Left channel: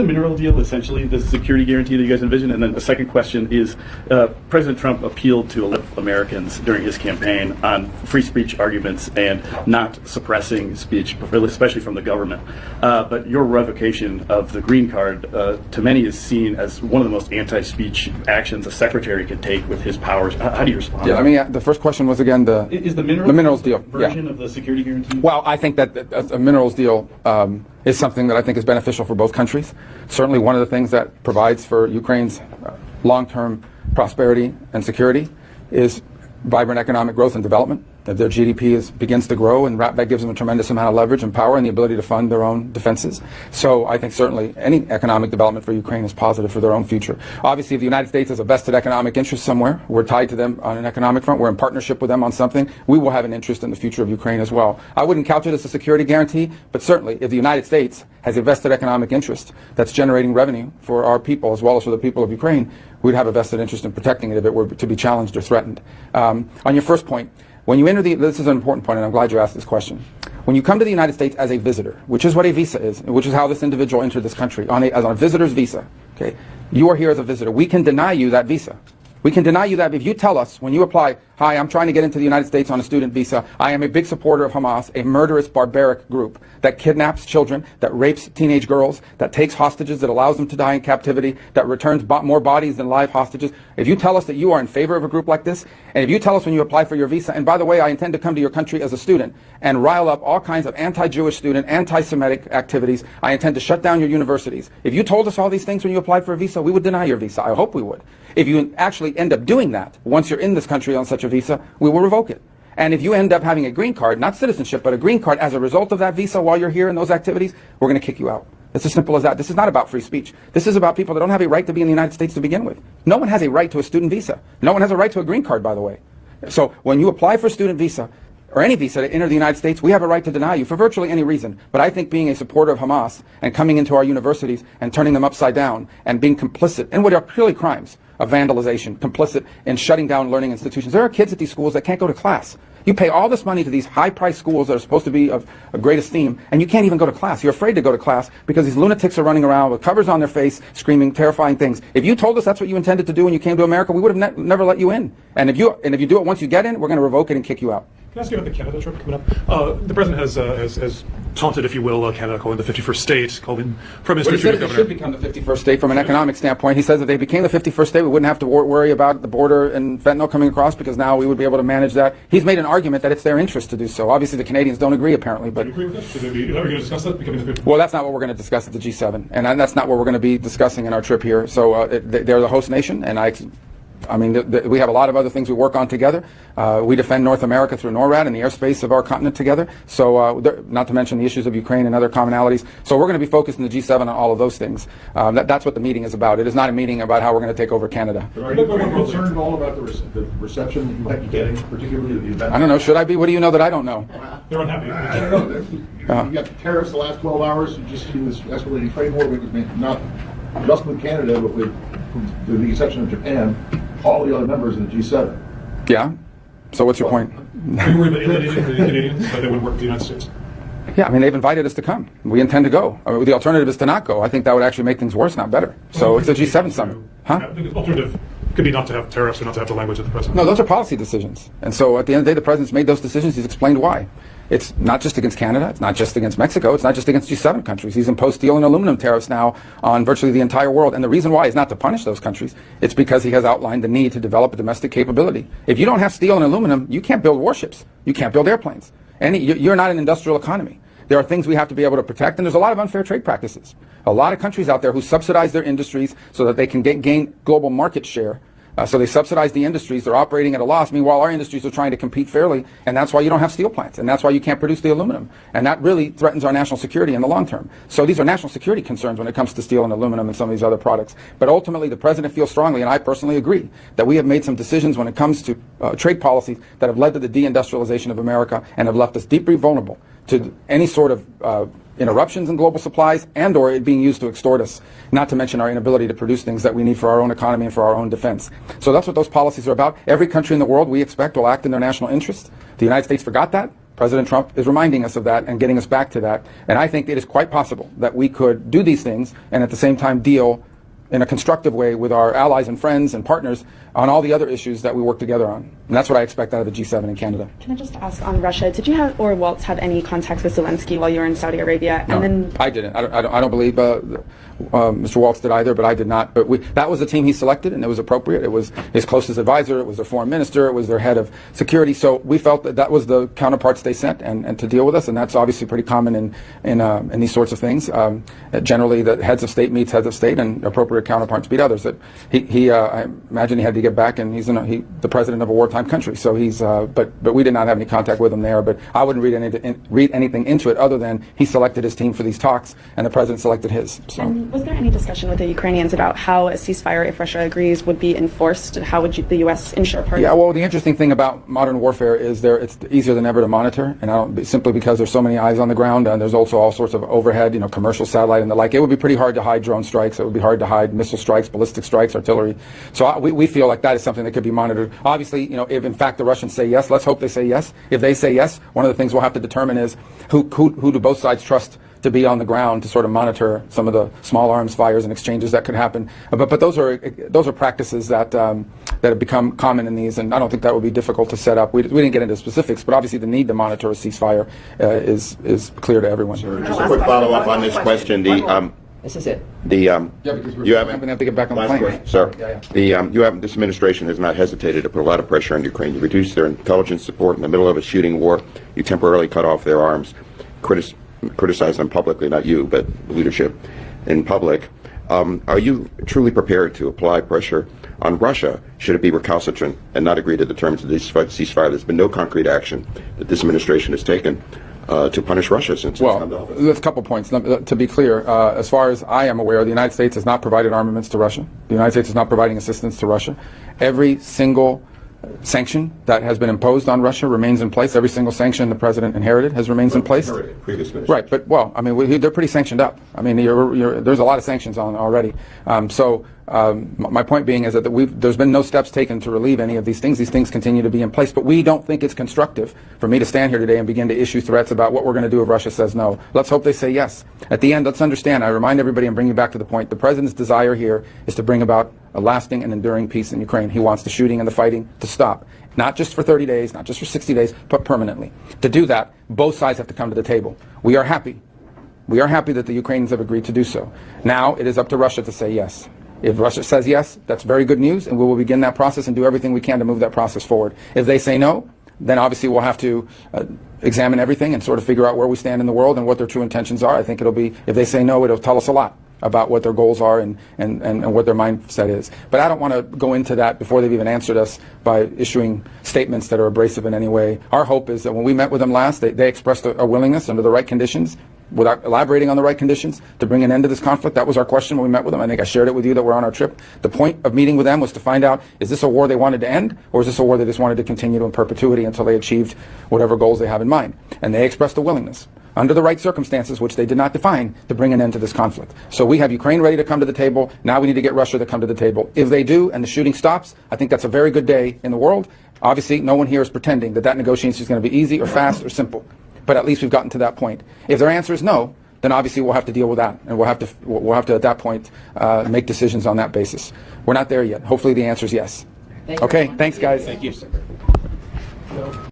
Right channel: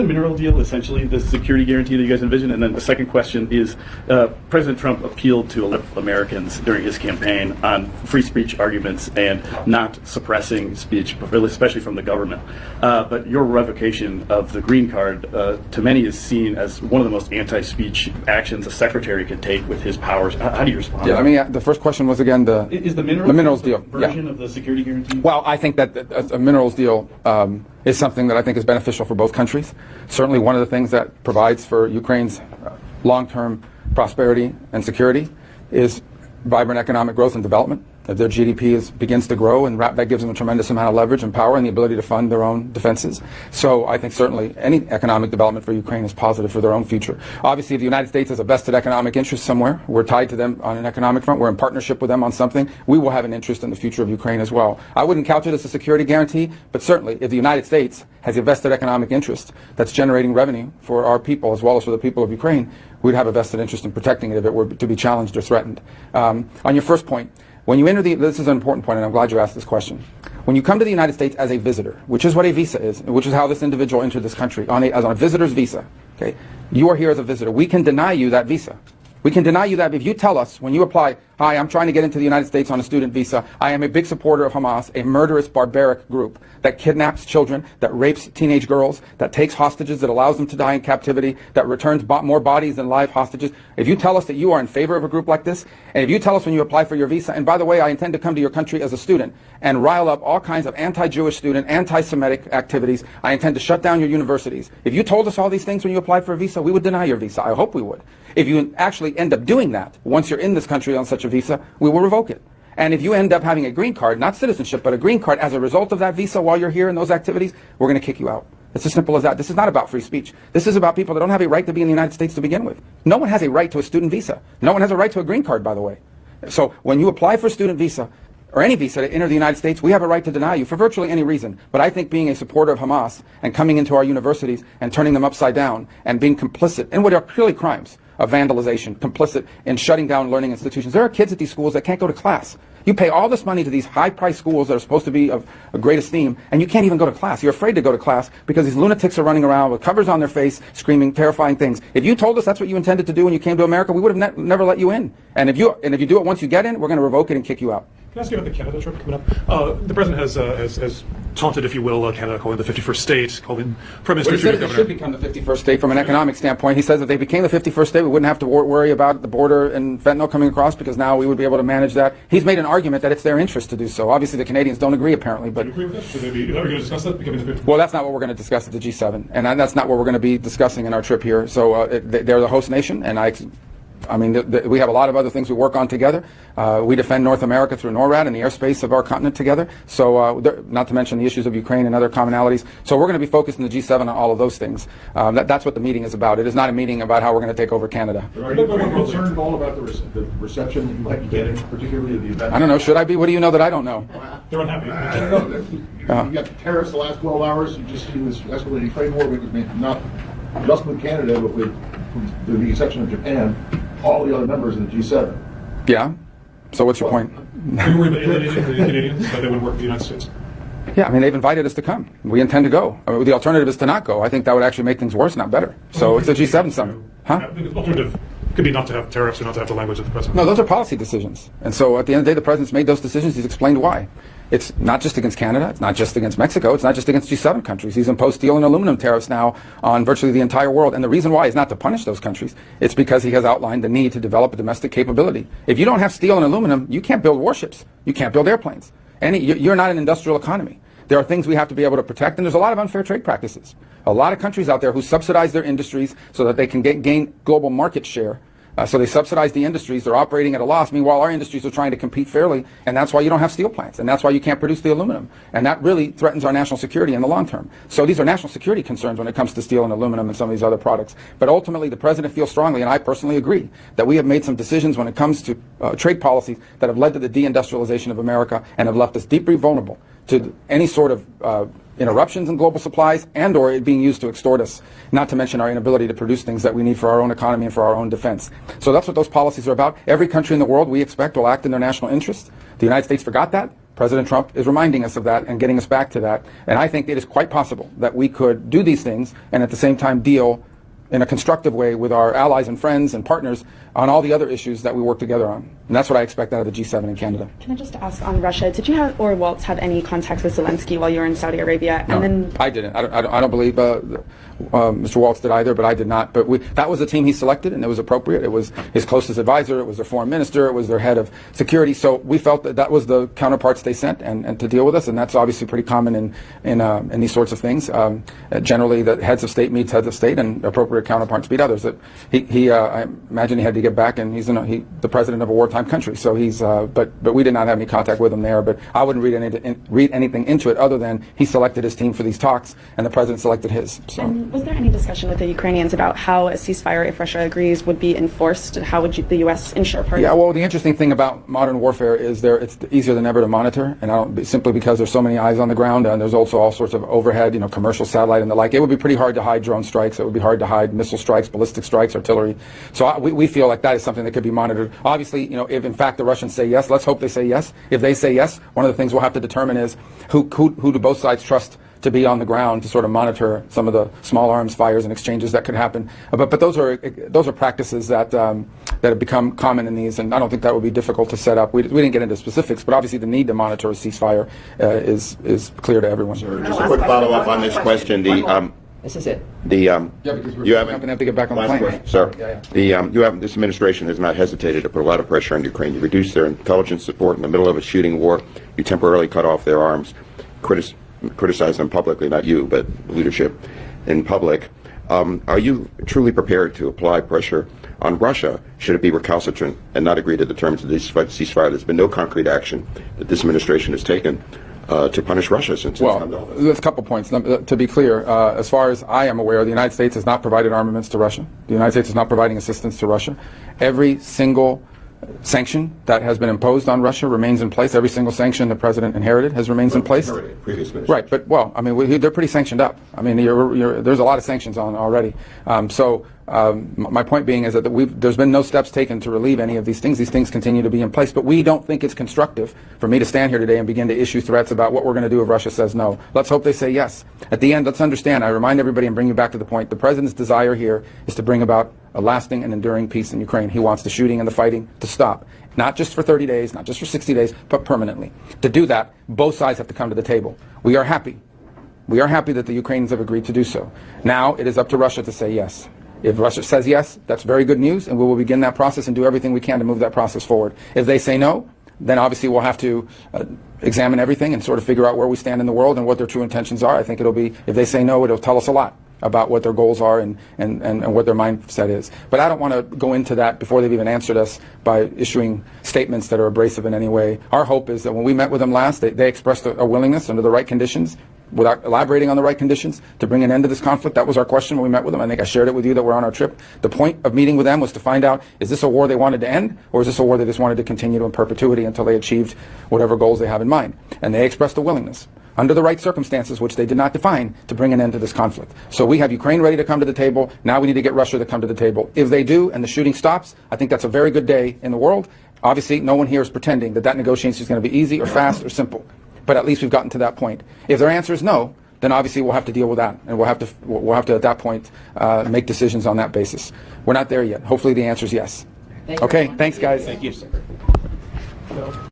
the mineral deal essentially the security guarantee that you guys envision? And then the second question is, President Trump appealed to a lot of Americans during his campaign on free speech arguments and not suppressing speech, especially from the government. But your revocation of the green card, to many, is seen as one of the most anti-speech actions a secretary could take with his powers. How do you respond? Yeah, I mean, the first question was again is the minerals deal version of the security guarantee? Well, I think that a minerals deal is something that I think is beneficial for both countries. Certainly one of the things that provides for Ukraine's long-term prosperity and security is vibrant economic growth and development, that their GDP begins to grow, and that gives them a tremendous amount of leverage and power and the ability to fund their own defenses. So I think certainly any economic development for Ukraine is positive for their own future. Obviously, if the United States has a vested economic interest somewhere, we're tied to them on an economic front, we're in partnership with them on something, we will have an interest in the future of Ukraine as well. I wouldn't couch it as a security guarantee, but certainly if the United States has a vested economic interest that's generating revenue for our people as well as for the people of Ukraine, we'd have a vested interest in protecting it if it were to be challenged or threatened. On your first point, when you enter this is an important point, and I'm glad you asked this question. When you come to the United States as a visitor, which is what a visa is, and which is how this individual entered this country, as on a visitor's visa, okay, you are here as a visitor. We can deny you that visa. We can deny you that if you tell us when you apply, hi, I'm trying to get into the United States on a student visa. I am a big supporter of Hamas, a murderous, barbaric group that kidnaps children, that rapes teenage girls, that takes hostages, that allows them to die in captivity, that returns more bodies than live hostages. If you tell us that you are in favor of a group like this, and if you tell us when you apply for your visa, and by the way, I intend to come to your country as a student and rile up all kinds of anti-Jewish student, anti-Semitic activities, I intend to shut down your universities. If you told us all these things when you applied for a visa, we would deny your visa. I hope we would. If you actually end up doing that, once you're in this country on such a visa, we will revoke it. And if you end up having a green card, not citizenship, but a green card as a result of that visa while you're here in those activities, we're going to kick you out. It's as simple as that. This is not about free speech. This is about people that don't have a right to be in the United States to begin with. No one has a right to a student visa. No one has a right to a green card, by the way. So when you apply for a student visa, or any visa to enter the United States, we have a right to deny you for virtually any reason. But I think being a supporter of Hamas and coming into our universities and turning them upside down and being complicit in what are clearly crimes of vandalization, complicit in shutting down learning institutions. There are kids at these schools that can't go to class. You pay all this money to these high-priced schools that are supposed to be of great esteem, and you can't even go to class. You're afraid to go to class because these lunatics are running around with covers on their face, screaming terrifying things. If you told us that's what you intended to do when you came to America, we would have never let you in. And if you do it once you get in, we're going to revoke it and kick you out. Can I ask you about the Canada trip coming up? The president has taunted, if you will, Canada, calling it the 51st state, called him Prime Minister. He said it should become the 51st state from an economic standpoint. He says if they became the 51st state, we wouldn't have to worry about the border and fentanyl coming across because now we would be able to manage that. He's made an argument that it's their interest to do so. Obviously, the Canadians don't agree, apparently. But well, that's not what we're going to discuss at the G7, and that's not what we're going to be discussing in our trip here. So they're the host nation, and I mean, we have a lot of other things we work on together. We defend North America through NORAD and the airspace of our continent together. So, not to mention the issues of Ukraine and other commonalities. So we're going to be focused in the G7 on all of those things. That's what the meeting is about. It is not a meeting about how we're going to take over Canada. Are you concerned at all about the reception that you might be getting, particularly at the event? I don't know. Should I be? What do you know that I don't know? You got the tariffs the last 12 hours. You just see this escalating Ukraine war, not just with Canada, but with the exception of Japan, all the other members of the G7. Yeah. So what's your point? They would work with the United States. Yeah, I mean, they've invited us to come. We intend to go. I mean, the alternative is to not go. I think that would actually make things worse, not better. So it's a G7 summit. Huh? The alternative could be not to have tariffs and not to have the language of the president. No, those are policy decisions. And so at the end of the day, the president's made those decisions. He's explained why. It's not just against Canada. It's not just against Mexico. It's not just against G7 countries. He's imposed steel and aluminum tariffs now on virtually the entire world. And the reason why is not to punish those countries. It's because he has outlined the need to develop a domestic capability. If you don't have steel and aluminum, you can't build warships. You can't build airplanes. And you're not an industrial economy. There are things we have to be able to protect, and there's a lot of unfair trade practices. A lot of countries out there who subsidize their industries so that they can gain global market share. So they subsidize the industries. They're operating at a loss. Meanwhile, our industries are trying to compete fairly, and that's why you don't have steel plants, and that's why you can't produce the aluminum. And that really threatens our national security in the long term. So these are national security concerns when it comes to steel and aluminum and some of these other products. But ultimately, the president feels strongly, and I personally agree, that we have made some decisions when it comes to trade policies that have led to the deindustrialization of America and have left us deeply vulnerable to any sort of interruptions in global supplies and or it being used to extort us, not to mention our inability to produce things that we need for our own economy and for our own defense. So that's what those policies are about. Every country in the world, we expect, will act in their national interest. The United States forgot that. President Trump is reminding us of that and getting us back to that. And I think it is quite possible that we could do these things and at the same time deal in a constructive way with our allies and friends and partners on all the other issues that we work together on. And that's what I expect out of the G7 in Canada. Can I just ask on Russia, did you or Waltz have any contacts with Zelensky while you were in Saudi Arabia? No, And then I didn't. I don't believe Mr. Waltz did either, but I did not. But that was the team he selected, and it was appropriate. It was his closest advisor. It was their foreign minister. It was their head of security. So we felt that that was the counterparts they sent and to deal with us, and that's obviously pretty common in these sorts of things. Generally, the heads of state meets heads of state, and appropriate counterparts meet others. I imagine he had to get back, and he's the president of a wartime country. So he's, but we did not have any contact with him there. But I wouldn't read anything into it other than he selected his team for these talks, and the president selected his. So. was there any discussion with the Ukrainians about how a ceasefire, if Russia agrees, would be enforced, and how would the U.S. ensure? Yeah, well, the interesting thing about modern warfare is it's easier than ever to monitor, and simply because there's so many eyes on the ground, and there's also all sorts of overhead, commercial satellite and the like. It would be pretty hard to hide drone strikes. It would be hard to hide missile strikes, ballistic strikes, artillery. So we feel like that is something that could be monitored. Obviously, if in fact the Russians say yes, let's hope they say yes. If they say yes, one of the things we'll have to determine is who do both sides trust to be on the ground to sort of monitor some of the small arms fires and exchanges that could happen. But those are practices that have become common in these, and I don't think that would be difficult to set up. We didn't get into specifics, but obviously the need to monitor a ceasefire is clear to everyone. Sure. Just a quick follow-up on this question. This is it. Yeah, because you have to get back on the plane. Sir, you have this administration has not hesitated to put a lot of pressure on Ukraine to reduce their intelligence support in the middle of a shooting war. You temporarily cut off their arms. Criticize them publicly, not you, but leadership in public. Are you truly prepared to apply pressure on Russia should it be recalcitrant and not agree to the terms of this ceasefire? There's been no concrete action that this administration has taken to punish Russia since. Well, there's a couple points. To be clear, as far as I am aware, the United States has not provided armaments to Russia. The United States is not providing assistance to Russia. Every single sanction that has been imposed on Russia remains in place. Every single sanction the president inherited remains in place. Right, but they're pretty sanctioned out. I mean, there's a lot of sanctions on already. My point being is that there's been no steps taken to relieve any of these things. These things continue to be in place, but we don't think it's constructive for me to stand here today and begin to issue threats about what we're going to do if Russia says no. Let's hope they say yes. At the end, let's understand, I remind everybody and bring you back to the point, the president's desire here is to bring about a lasting and enduring peace in Ukraine. He wants the shooting and the fighting to stop, not just for 30 days, not just for 60 days, but permanently. To do that, both sides have to come to the table. We are happy. We are happy that the Ukrainians have agreed to do so. Now it is up to Russia to say yes. If Russia says yes, that's very good news, and we will begin that process and do everything we can to move that process forward. If they say no, then obviously we'll have to examine everything and sort of figure out where we stand in the world and what their true intentions are. I think if they say no, it'll tell us a lot about what their goals are and what their mindset is. But I don't want to go into that before they've even answered us by issuing statements that are abrasive in any way. Our hope is that when we met with them last, they expressed a willingness under the right conditions, without elaborating on the right conditions, to bring an end to this conflict. That was our question when we met with them. I think I shared it with you that we're on our trip. The point of meeting with them was to find out, is this a war they wanted to end, or is this a war they just wanted to continue in perpetuity until they achieved whatever goals they have in mind? And they expressed a willingness, under the right circumstances, which they did not define, to bring an end to this conflict. So we have Ukraine ready to come to the table. Now we need to get Russia to come to the table. If they do, and the shooting stops, I think that's a very good day in the world. Obviously, no one here is pretending that negotiation is going to be easy or fast or simple. But at least we've gotten to that point. If their answer is no, then obviously we'll have to deal with that, and we'll have to at that point make decisions on that basis. We're not there yet. Hopefully the answer is yes. Okay, thanks guys. Thank you.